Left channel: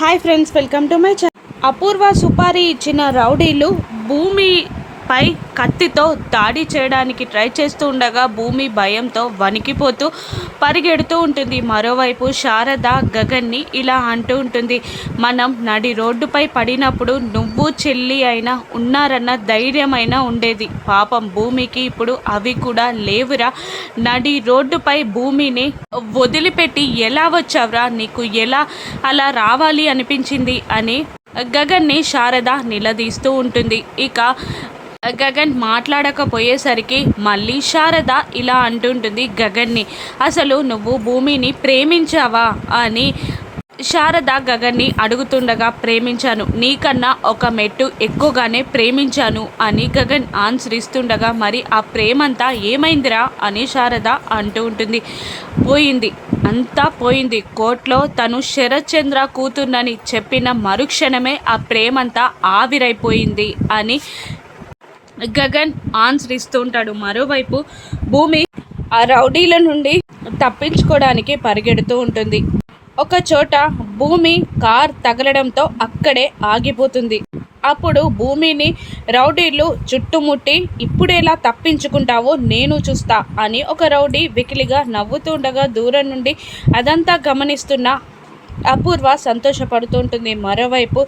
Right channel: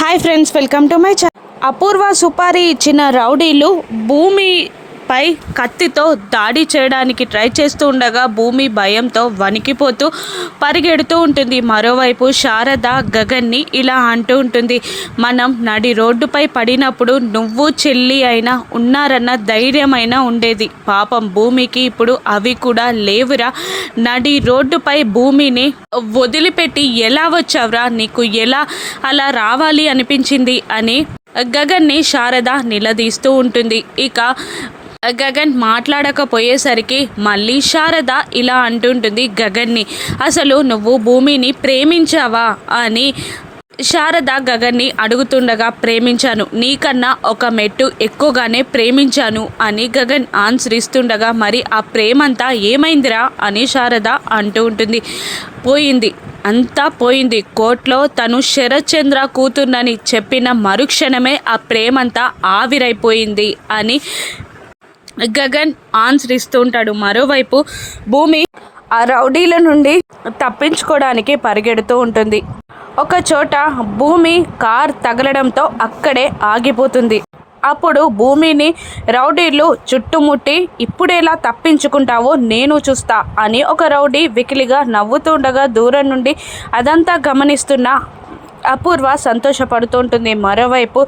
Hi friends, welcome to my channel. Apoorva సుపారీ ఇచ్చిన రౌడీలు భూమిపై కత్తితో దాడి చేయడానికి ట్రై చేస్తూ ఉండగా భూమి భయంతో వణికిపోతూ పరిగెడుతూ ఉంటుంది. మరోవైపు శారద గగన్ని ఇలా అంటూ ఉంటుంది, మనం నడి రోడ్డుపై పడినప్పుడు నువ్వు చెల్లి అయినా ఉన్నారన్న ధైర్యమైనా ఉండేది. పాపం భూమికి ఇప్పుడు అవి కూడా లేవురా. నడి రోడ్డుపై భూమిని వదిలిపెట్టి ఎలా వచ్చావురా, నీకు ఎలా అలా రావాలి అనిపించింది అని గగన్ని శారద నిలదీస్తూ ఉంటుంది. ఇక గగన్ మాట్లాడకపోయేసరికి మళ్ళీ శారద ఇలా అంటుంటుంది గగన్ని, అసలు నువ్వు భూమిని ప్రేమించావా అని శారద గగన్ని అడుగుతుండగా, ప్రేమించాను, నీకన్నా ఒక మెట్టు ఎక్కువగానే ప్రేమించాను అని గగన్ ఆన్సర్ ఇస్తుండగా, మరి ఆ ప్రేమంతా ఏమైందిరా అని శారద అంటూ ఉంటుంది. పోయింది, అంతా పోయింది. కోర్టులో తను శరత్చంద్ర కూతుర్నని చెప్పిన మరుక్షణమే ఆ ప్రేమంతా ఆవిరైపోయింది అని గగన్ ఆన్సర్ ఇస్తూ ఉంటాడు. మరోవైపు భూమి ఆ రౌడీల నుండి తప్పించుకోవడానికి పరిగెడుతూ ఉంటుంది. ఒక చోట భూమి కార్ తగలడంతో అక్కడే ఆగిపోతుంది. అప్పుడు భూమిని రౌడీలు చుట్టుముట్టి, ఇప్పుడెలా తప్పించుకుంటావో నేను చూస్తా అని ఒక రౌడీ వికిలిగా నవ్వుతుండగా దూరం నుండి అదంతా గమనిస్తున్న అపూర్వ సంతోషపడుతూ ఉంటుంది. మరోవైపు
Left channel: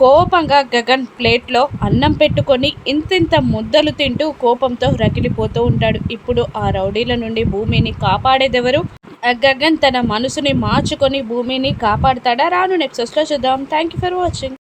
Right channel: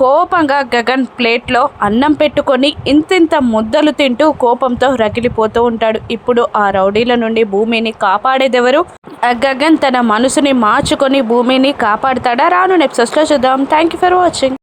కోపంగా గగన్ ప్లేట్లో అన్నం పెట్టుకొని ఇంతింత ముద్దలు తింటూ కోపంతో రగిలిపోతూ ఉంటాడు. ఇప్పుడు ఆ రౌడీల నుండి భూమిని కాపాడేదెవరు? గగన్ తన మనసుని మార్చుకొని భూమిని కాపాడుతాడా? రాను ఎపిసోడ్స్లో చూద్దాం. Thank you for watching.